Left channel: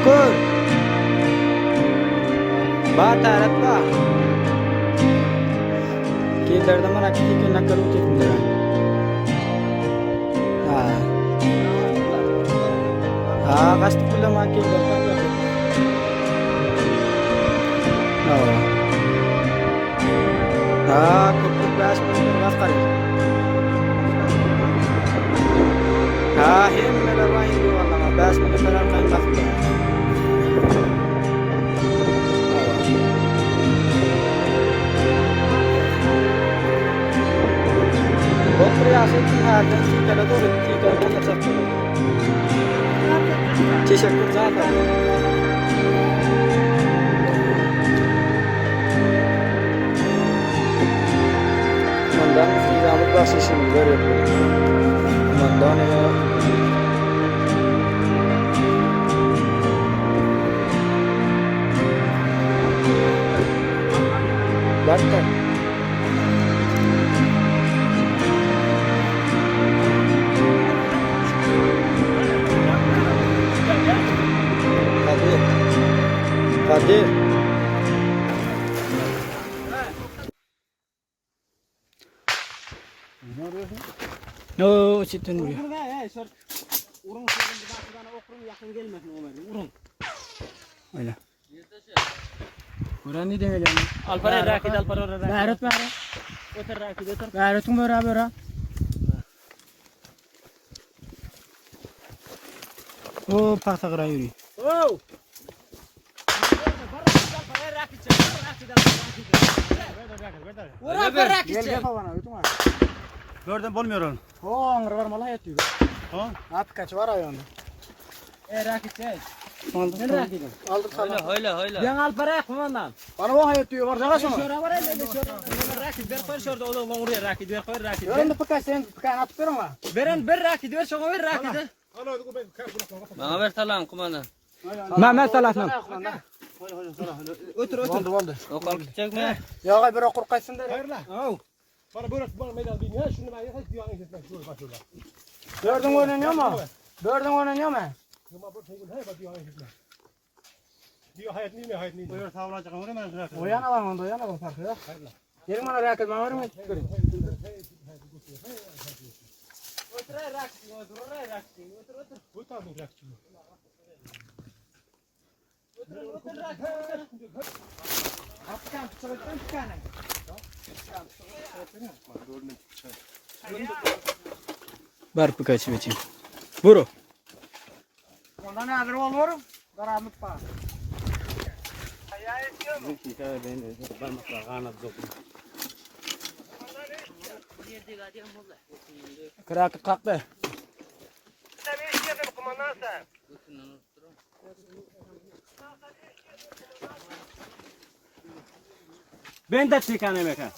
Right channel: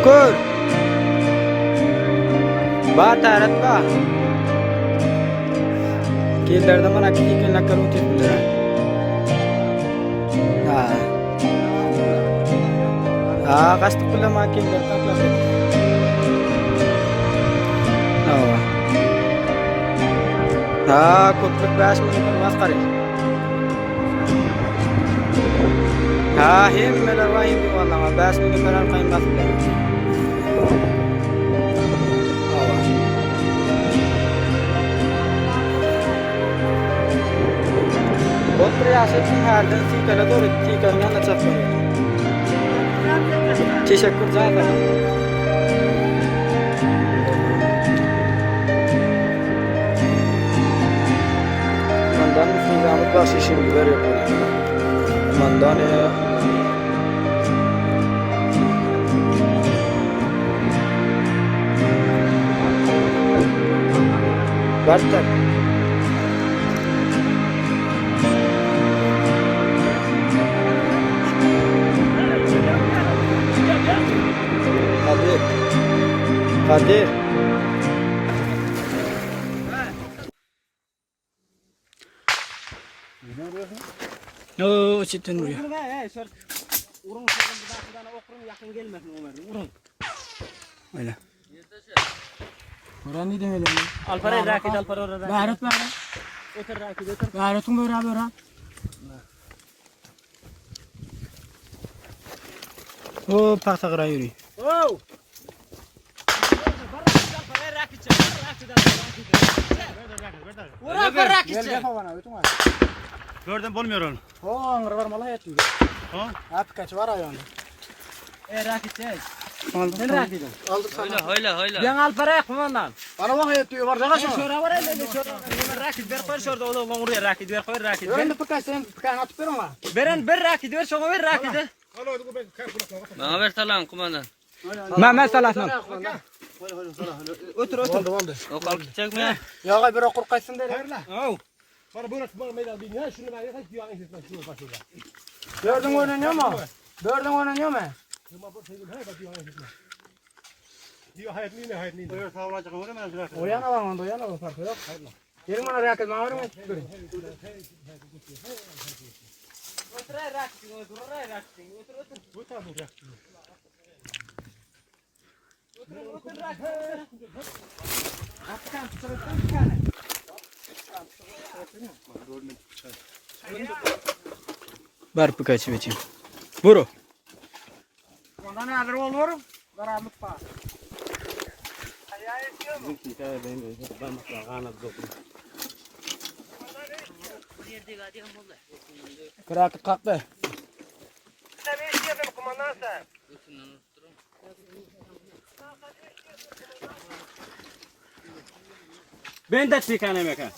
Şükür. Batarat ba. Kilerde mana kiki nakal utit bile. Ha. Ha, kasto pula makin bertambah. Oh. Ha, kutluk bas monitor bakar. Ha, hem melarwa hindi wala nga bas monitor kan bakar. बहुत प्रयास है कि हर दिन सी करा तो रुचि करना न चाहते हो चीज़ कुछ ज़्यादा मंदान संजाम का शिशिर बिगर है मंदान है बर्तन Kadir. No, situ nuri. Urun sorun bir dakikadan okurun yakın gelmesin Ömer. Urun. Öyle. Oran ne demek yani? Alpare rakit alpare rakit. Gayret var. Otur rakit otur. Gayretin beraber. O paksa yürü. Oh. Gördüm bulmuyor onu. O angır var malah yatıyor. Ha? At kaç var ayağını. Rakit çek. Aldık. Sen rakit. Aldık sana. Öyle. Yan alpare kumandan. Bana bak yatıyor var. Şaka şora var öyle şora. Ömer rakit ver koy şurada oğlum oraya rakit ver koy rakit. Ben de pıkay sen pıkay atıp ama. Veren bir rakit ver şuna ver rakit. Bana ver salam kumandan. Ma salatın. Otur otur. O kalk gidecek mi? Ya gay bir okur kaysın değil. Oh. Bana böyle bana meydan değil ya şunu ben hep diyor gitmek şunu kaçıyor. Gördün oynanıyor mu? Gördün oynanıyor mu? Ama bu sevgim hep diyor gitmek. Diyor hayat ne hayat ne. Buyur sağ olacak ama hemen bırak. O yana var onda, o yana var farkı yok. Gelin bana raket bana verin. Otur rakit otur rakit otur otur. Bu tarafı bırak. Bar pıkay için. Buru. Ondan ne adır olur? Karanlık var. Bizimki hikaye benim de parmakla kanat dokun. Kırakıt kalktı. Ben de çıkan emek ha.